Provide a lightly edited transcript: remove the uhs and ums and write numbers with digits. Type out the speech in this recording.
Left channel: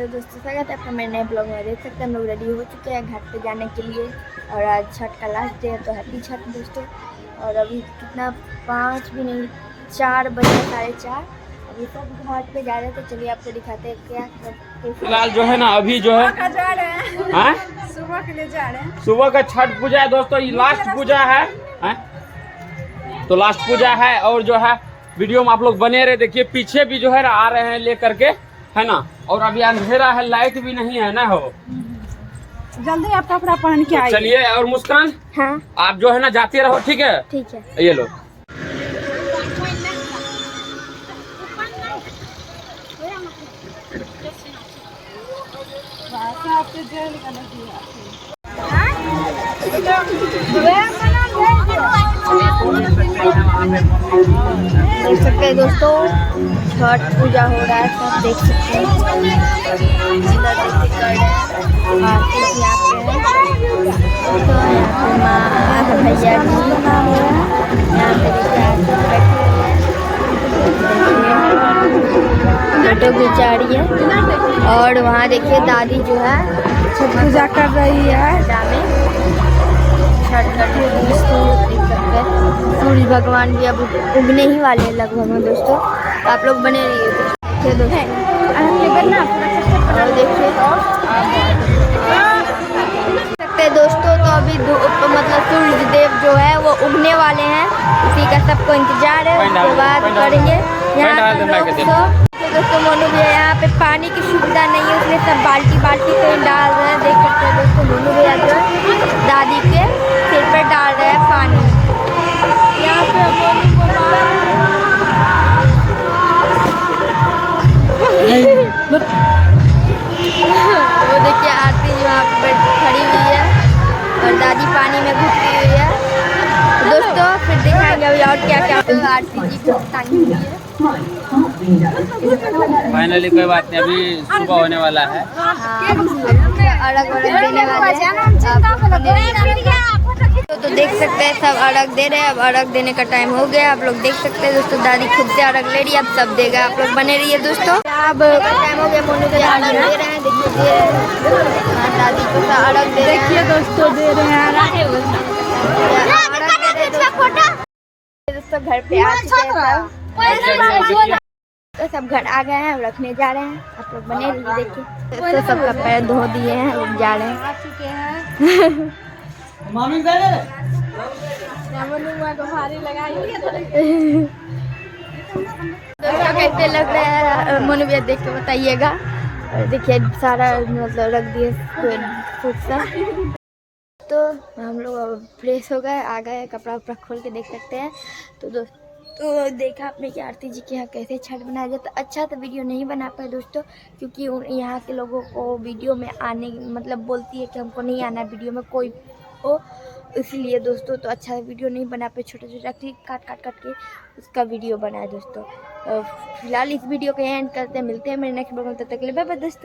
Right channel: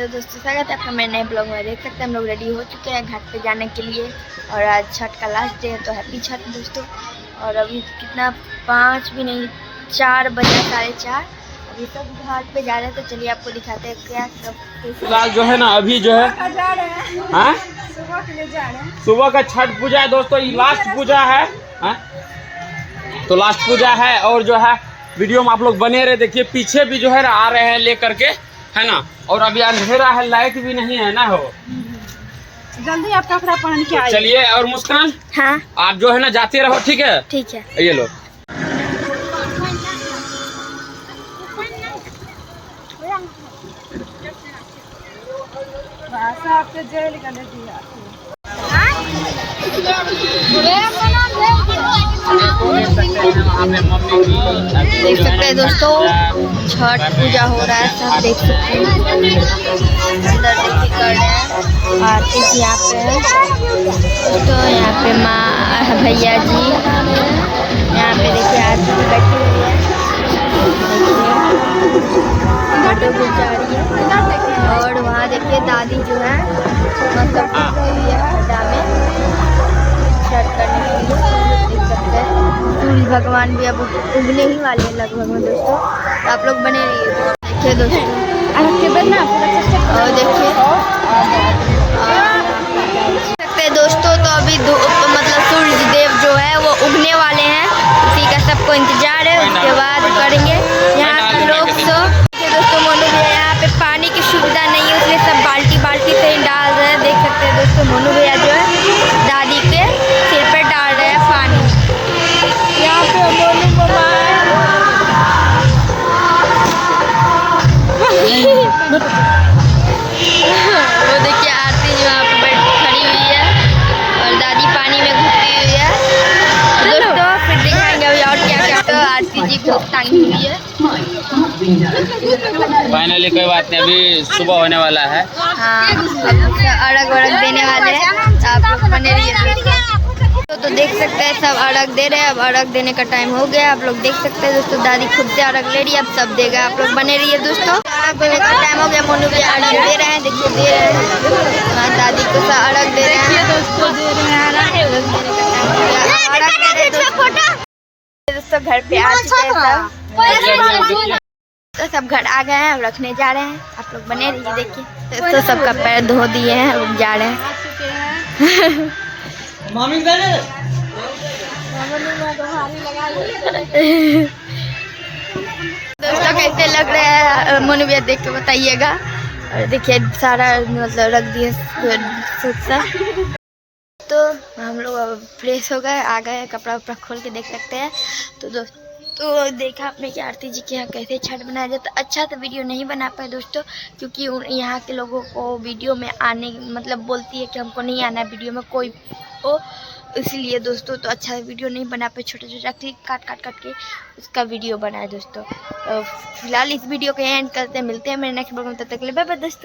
तो दोस्तों स्वागत है आपका मेरे नए ब्लॉग में। देख सकते हैं हम लोग रेडी हो चुके हैं घाट पे जाने के लिए और आज छठ का लास्ट डे है, तो हैप्पी छठ दोस्तों। और अभी कितना 5 भी नहीं 4 बजे 4:30 अभी सब घाट पे जा रहे हैं। तो चलिए आपको दिखाते हैं क्या सब। फिलहाल जो है ना अभी जो है सुबह के लिए जा रहे हैं। सुबह का छठ पूजा है दोस्तों, ये लास्ट पूजा है। तो लास्ट पूजा है और जो है वीडियो में आप लोग बने रहे। देखिए पीछे भी जो है आ रहे हैं लेकर के, है ना। और अभी अंधेरा है, लाइट भी नहीं है ना। हो जल्दी आप कपड़ा पहन के आइए। चलिए। और मुस्कान, हाँ आप जो है ना जाते रहो, ठीक है। ठीक है ये लो। आपके जेल का देख सकते हैं दोस्तों, छठ पूजा हो रहा है, सब देख सकते हैं। अंदर देखिए कर रहे हैं आरती जी यहाँ पे है। तो यहाँ पे माँ भैया जी यहाँ पे देखिए आरती जी बैठी हुई है, फोटो खिंचा रही है। और वहाँ देखिए दादी जो है पूजा कर रही है में छठ करने के लिए। देख सकते हैं सूर्य भगवान भी अब उगने ही वाले हैं लगभग में दोस्तों। तो आप लोग बने रहिए। देखिए दोस्तों और देखिए सकते हैं दोस्तों। तो अभी मतलब सूर्य देव जो है वो उगने वाले हैं, उसी का सबको इंतजार है। उसके बाद करेंगे यहाँ का लोग सब। दोस्तों मोनू भैया यहाँ पे पानी की सुविधा नहीं है, इसलिए सब बाल्टी से ही डाल रहे हैं। देख सकते हैं दोस्तों मोनू भैया जो है दादी के सिर पर डाल रहे हैं पानी। यहाँ पे वो देखिए आरती जी वहाँ पे खड़ी हुई है और दादी पानी में घुसी हुई है। तो दोस्तों फिर दिखाएंगे अभी और क्या क्या। तो आरती जी को टांगी हुई है। फाइनली कोई बात नहीं, अभी सुबह होने वाला है। हाँ अर्घ वर्घ देने वाले हैं, आप लोग बने रहिए। तो देख सकते हैं सब अर्घ दे रहे हैं। अब अर्घ देने का टाइम हो गया, आप लोग देख सकते हैं दोस्तों। दादी खुद से अर्घ ले रही है, अब सब देगा। आप लोग बने रहिए दोस्तों। अर्घ देने का टाइम हो गया, मोनू भी अर्घ दे रहे हैं। देखिए दे रहे हैं, हाँ दादी को अर्घ दे रहे हैं दोस्तों। दे रहे हैं दोस्तों। घर पे आ चुके हैं सब। तो सब घर आ गए हैं, रखने जा रहे हैं। आप लोग बने रहिए। देखिए तो सबका पैर धो दिए हैं, लोग जा रहे हैं। दोस्तों कैसे लग रहे हैं मोनू भैया देख के बताइएगा। और देखिए सारा मतलब रख दिए सा। तो हम लोग अब फ्रेश हो गए, आ गए, कपड़ा उपड़ा खोल के देख सकते हैं। तो दोस्तों तो देखा आपने कि आरती जी के यहाँ कैसे छठ बनाया जाता। अच्छा तो वीडियो नहीं बना पाए दोस्तों, क्योंकि यहाँ के लोगों को वीडियो में आने मतलब बोलती है कि हमको नहीं आना वीडियो में कोई ओ, इसलिए दोस्तों तो अच्छा वीडियो नहीं बना पाए। छोटा क्लिप काट के उसका वीडियो बनाया दोस्तों। तो फिलहाल इस वीडियो को एंड करते हैं, मिलते हैं मेरे नेक्स्ट ब्लॉग में। तब तक के लिए बाय बाय दोस्तों।